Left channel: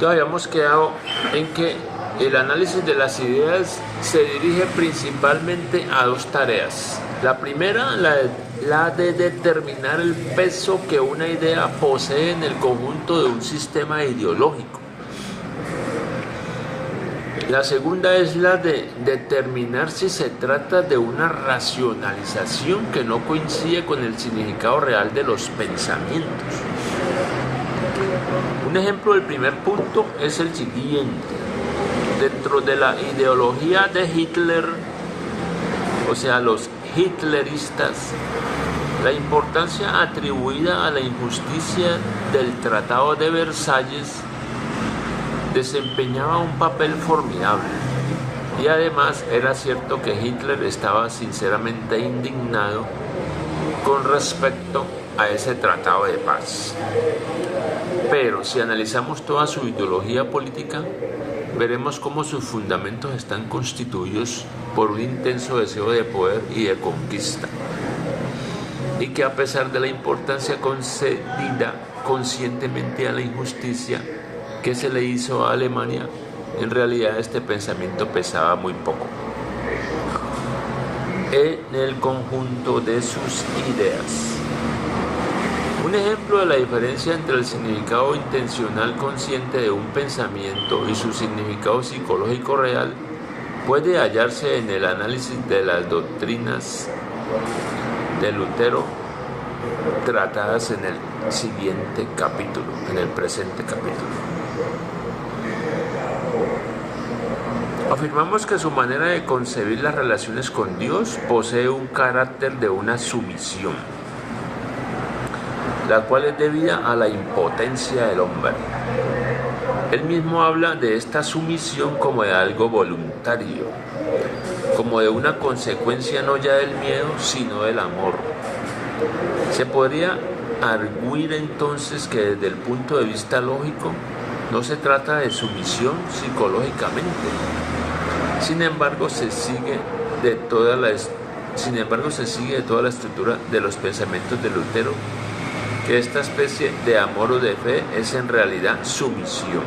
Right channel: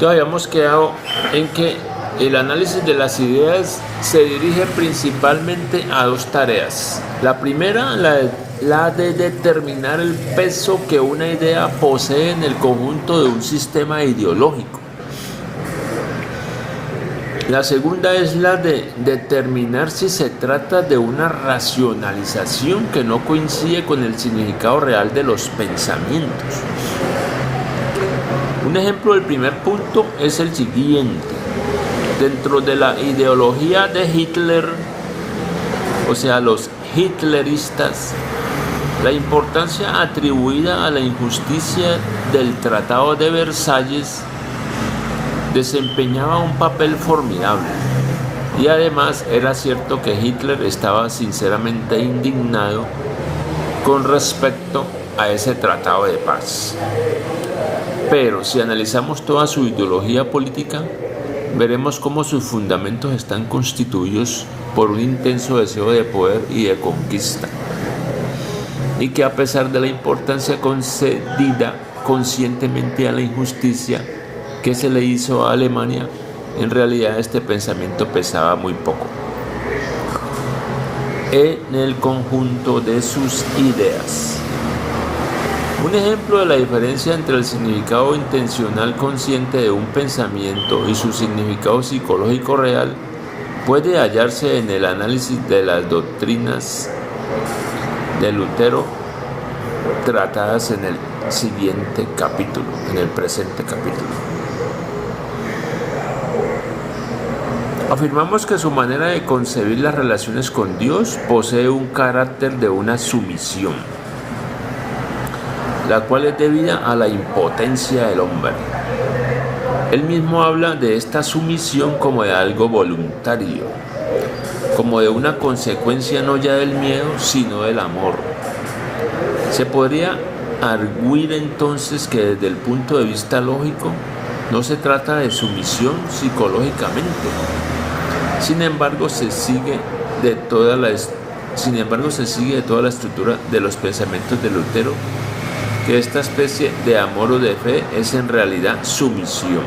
Entonces habíamos quedado en que el análisis de las ideas se dirige principalmente a dos tareas. La primera, la de determinar el peso que una idea posee en el conjunto de un sistema ideológico. La segunda es la de determinar si se trata de una racionalización que no coincide con el significado real de los pensamientos. Un ejemplo del primer punto es el siguiente. Dentro de la ideología de Hitler, o sea, los hitleristas, la importancia atribuida a la injusticia del Tratado de Versalles desempeñaba un papel formidable. Y además era cierto que Hitler estaba sinceramente indignado con respecto a ese tratado de paz. Pero si analizamos toda su ideología política, veremos cómo sus fundamentos están constituidos por un intenso deseo de poder y de conquista, y que a pesar de la importancia concedida conscientemente a la injusticia que se le hizo a Alemania, en realidad este pensamiento pesaba muy poco en el conjunto de sus ideas. Un ejemplo de la diferencia entre el significado intencional consciente de un pensamiento y su significado psicológico real puede hallarse en el análisis de las doctrinas de Lutero tratadas en el siguiente capítulo, en el presente capítulo. Afirmamos que su manera de concebir las relaciones con Dios posee un carácter de una sumisión, la cual es debida a la impotencia del hombre. Él mismo habla de esta sumisión como de algo voluntario, como de una consecuencia no ya del miedo, sino del amor. Se podría arguir entonces que desde el punto de vista lógico no se trata de sumisión psicológicamente. Sin embargo, se sigue de toda la estructura de los pensamientos de Lutero que esta especie de amor o de fe es en realidad sumisión,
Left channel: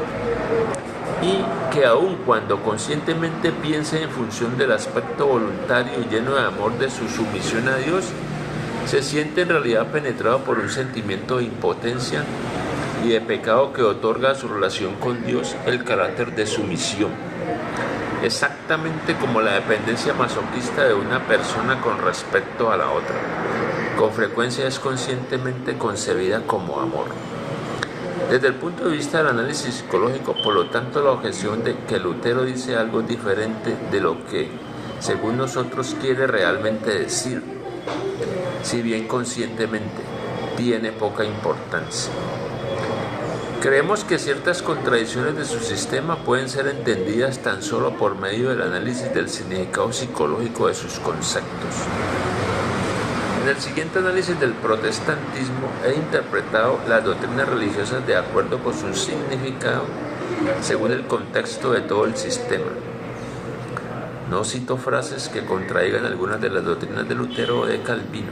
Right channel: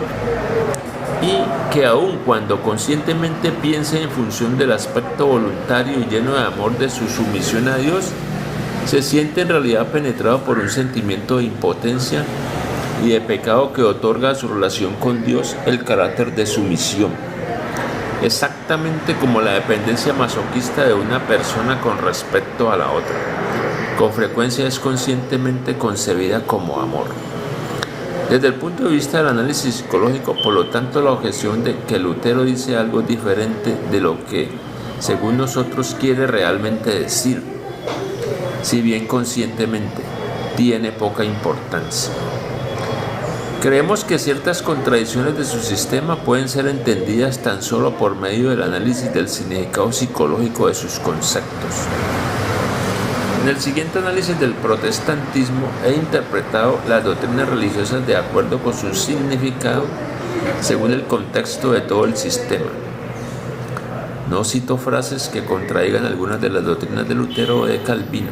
y que aun cuando conscientemente piense en función del aspecto voluntario y lleno de amor de su sumisión a Dios, se siente en realidad penetrado por un sentimiento de impotencia y de pecado que otorga a su relación con Dios el carácter de sumisión, exactamente como la dependencia masoquista de una persona con respecto a la otra. Con frecuencia es conscientemente concebida como amor. Desde el punto de vista del análisis psicológico, por lo tanto, la objeción de que Lutero dice algo diferente de lo que, según nosotros, quiere realmente decir, si bien conscientemente, tiene poca importancia. Creemos que ciertas contradicciones de su sistema pueden ser entendidas tan solo por medio del análisis del significado psicológico de sus conceptos. En el siguiente análisis del protestantismo he interpretado las doctrinas religiosas de acuerdo con su significado según el contexto de todo el sistema. No cito frases que contradigan algunas de las doctrinas de Lutero o de Calvino.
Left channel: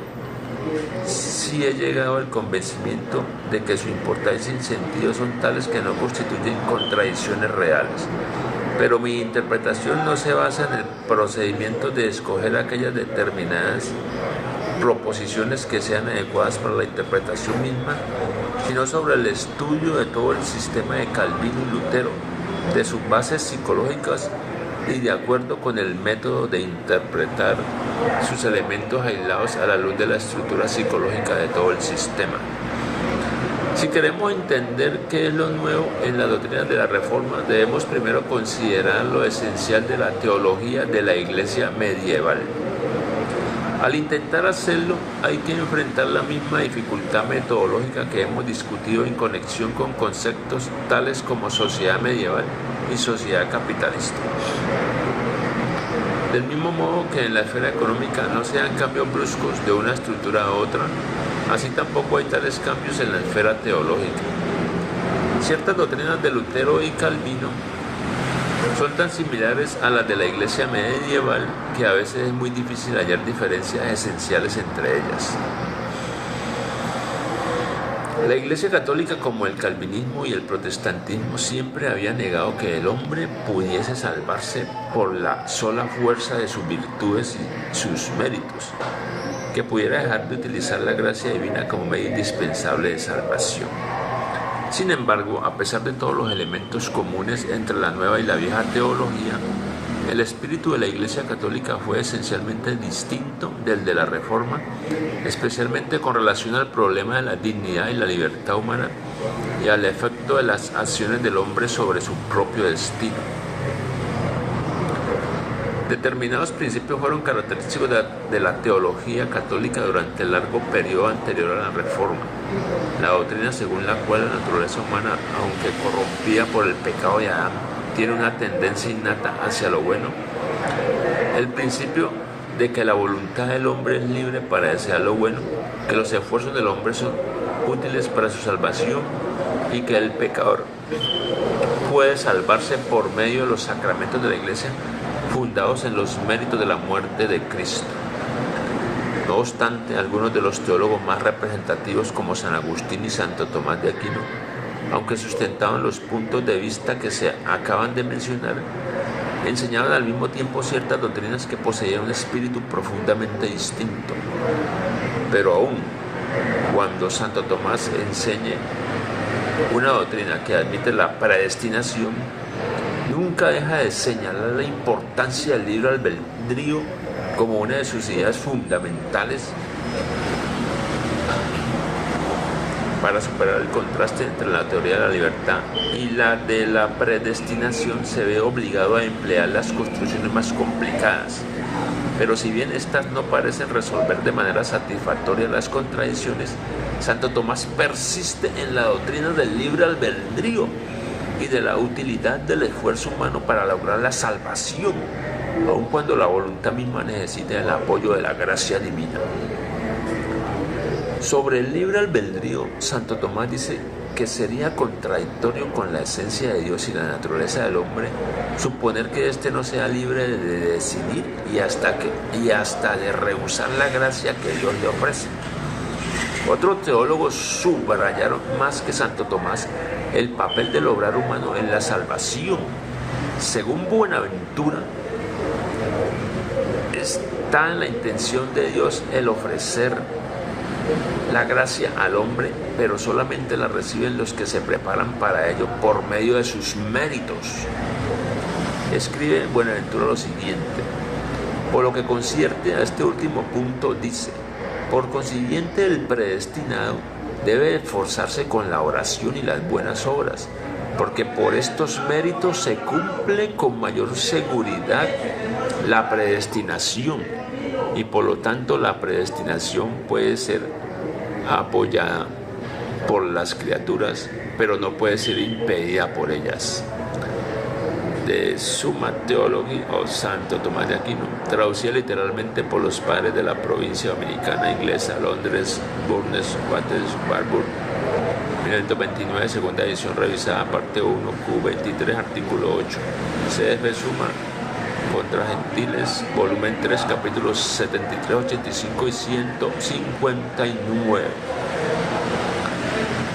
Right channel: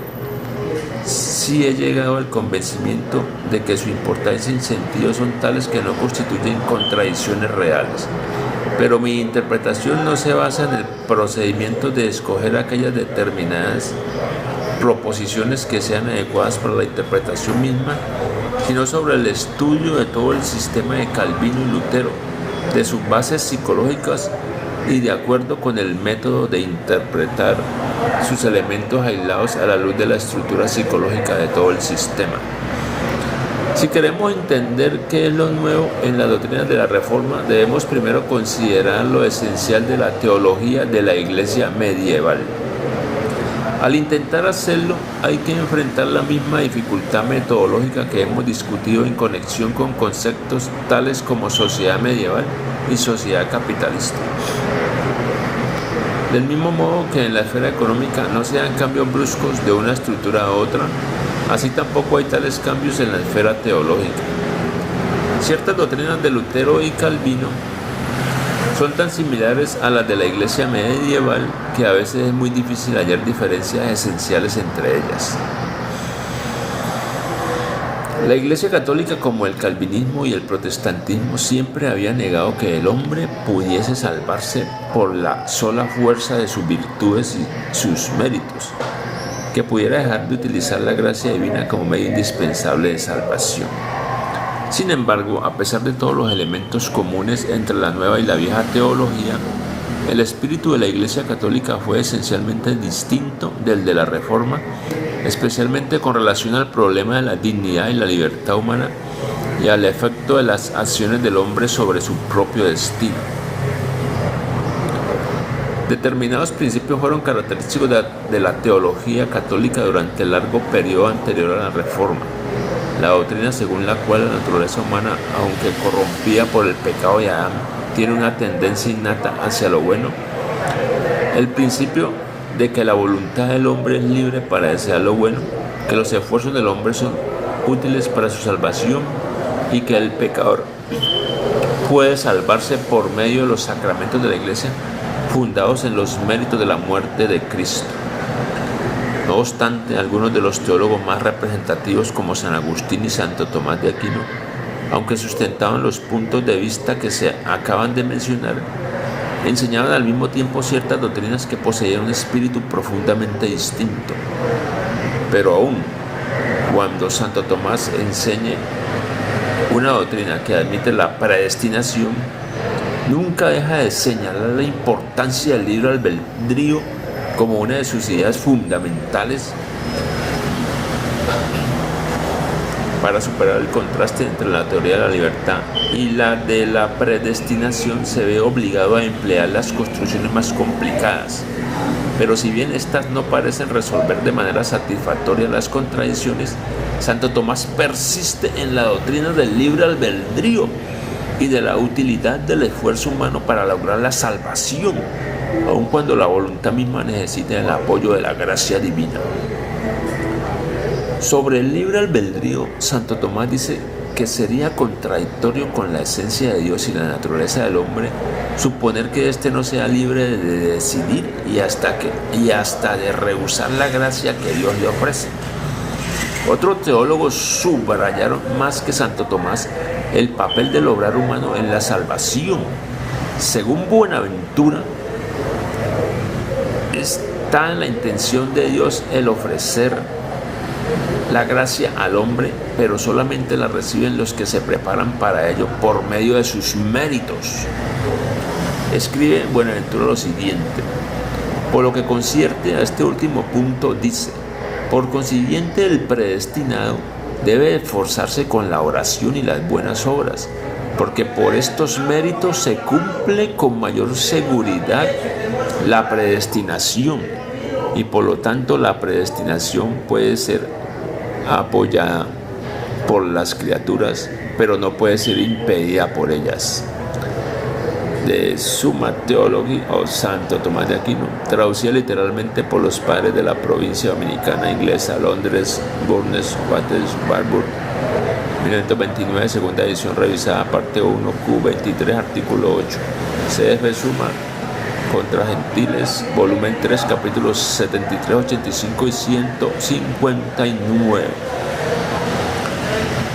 Sí he llegado al convencimiento de que su importancia y sentido son tales que no constituyen contradicciones reales. Pero mi interpretación no se basa en el procedimiento de escoger aquellas determinadas proposiciones que sean adecuadas para la interpretación misma, sino sobre el estudio de todo el sistema de Calvino y Lutero, de sus bases psicológicas y de acuerdo con el método de interpretar sus elementos aislados a la luz de la estructura psicológica de todo el sistema. Si queremos entender qué es lo nuevo en la doctrina de la Reforma, debemos primero considerar lo esencial de la teología de la Iglesia medieval. Al intentar hacerlo, hay que enfrentar la misma dificultad metodológica que hemos discutido en conexión con conceptos tales como sociedad medieval y sociedad capitalista. Del mismo modo que en la esfera económica no se dan cambios bruscos de una estructura a otra, así tampoco hay tales cambios en la esfera teológica. Ciertas doctrinas de Lutero y Calvino son tan similares a las de la Iglesia medieval que a veces es muy difícil hallar diferencias esenciales entre ellas. La Iglesia Católica, como el calvinismo y el protestantismo, siempre había negado que el hombre pudiese salvarse por la sola fuerza de sus virtudes y sus méritos, que pudiera dejar de utilizar la gracia divina como medio indispensable de salvación. Sin embargo, a pesar de todos los elementos comunes entre la nueva y la vieja teología, el espíritu de la Iglesia Católica fue esencialmente distinto del de la Reforma, especialmente con relación al problema de la dignidad y la libertad humana y al efecto de las acciones del hombre sobre su propio destino. Determinados principios fueron característicos de la teología católica durante el largo periodo anterior a la Reforma. La doctrina según la cual la naturaleza humana, aunque corrompida por el pecado de Adán, tiene una tendencia innata hacia lo bueno. El principio de que la voluntad del hombre es libre para desear lo bueno, que los esfuerzos del hombre son útiles para su salvación y que el pecador puede salvarse por medio de los sacramentos de la Iglesia fundados en los méritos de la muerte de Cristo. No obstante, algunos de los teólogos más representativos como San Agustín y Santo Tomás de Aquino, aunque sustentaban los puntos de vista que se acaban de mencionar, enseñaban al mismo tiempo ciertas doctrinas que poseían un espíritu profundamente distinto. Pero aún cuando Santo Tomás enseñe una doctrina que admite la predestinación, nunca deja de señalar la importancia del libre albedrío como una de sus ideas fundamentales para superar el contraste entre la teoría de la libertad y la de la predestinación. Se ve obligado a emplear las construcciones más complicadas. Pero si bien estas no parecen resolver de manera satisfactoria las contradicciones, Santo Tomás persiste en la doctrina del libre albedrío y de la utilidad del esfuerzo humano para lograr la salvación, aun cuando la voluntad misma necesite el apoyo de la gracia divina. Sobre el libre albedrío, Santo Tomás dice que sería contradictorio con la esencia de Dios y la naturaleza del hombre suponer que éste no sea libre de decidir y hasta de rehusar la gracia que Dios le ofrece. Otros teólogos subrayaron más que Santo Tomás el papel del obrar humano en la salvación. Según Buenaventura, está en la intención de Dios el ofrecer la gracia al hombre, pero solamente la reciben los que se preparan para ello por medio de sus méritos. Escribe Buenaventura lo siguiente: por lo que concierne a este último punto, dice: por consiguiente, el predestinado debe esforzarse con la oración y las buenas obras, porque por estos méritos se cumple con mayor seguridad la predestinación, y por lo tanto la predestinación puede ser apoyada por las criaturas, pero no puede ser impedida por ellas. De Summa Theologiae o Santo Tomás de Aquino, traducida literalmente por los padres de la provincia dominicana inglesa, Londres, Bournemouth, Waters, Barbour, 1929, segunda edición revisada, parte 1, Q23, artículo 8. CF Summa contra Gentiles, volumen 3, capítulos 73, 85 y 159.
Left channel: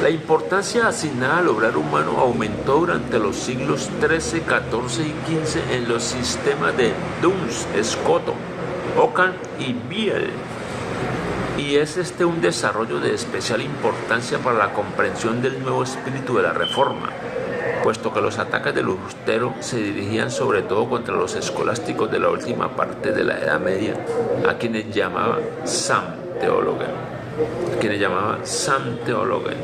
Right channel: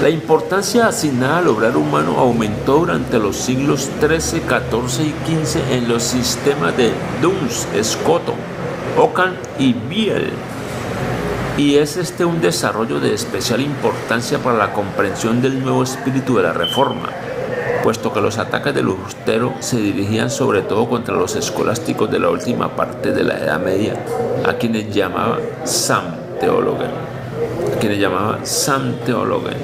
La importancia asignada al obrar humano aumentó durante los siglos XIII, XIV y XV en los sistemas de Duns, Scotton, Ockham y Biel, y es un desarrollo de especial importancia para la comprensión del nuevo espíritu de la Reforma, puesto que los ataques de Lutero se dirigían sobre todo contra los escolásticos de la última parte de la Edad Media, a quienes llamaba Samtheologen.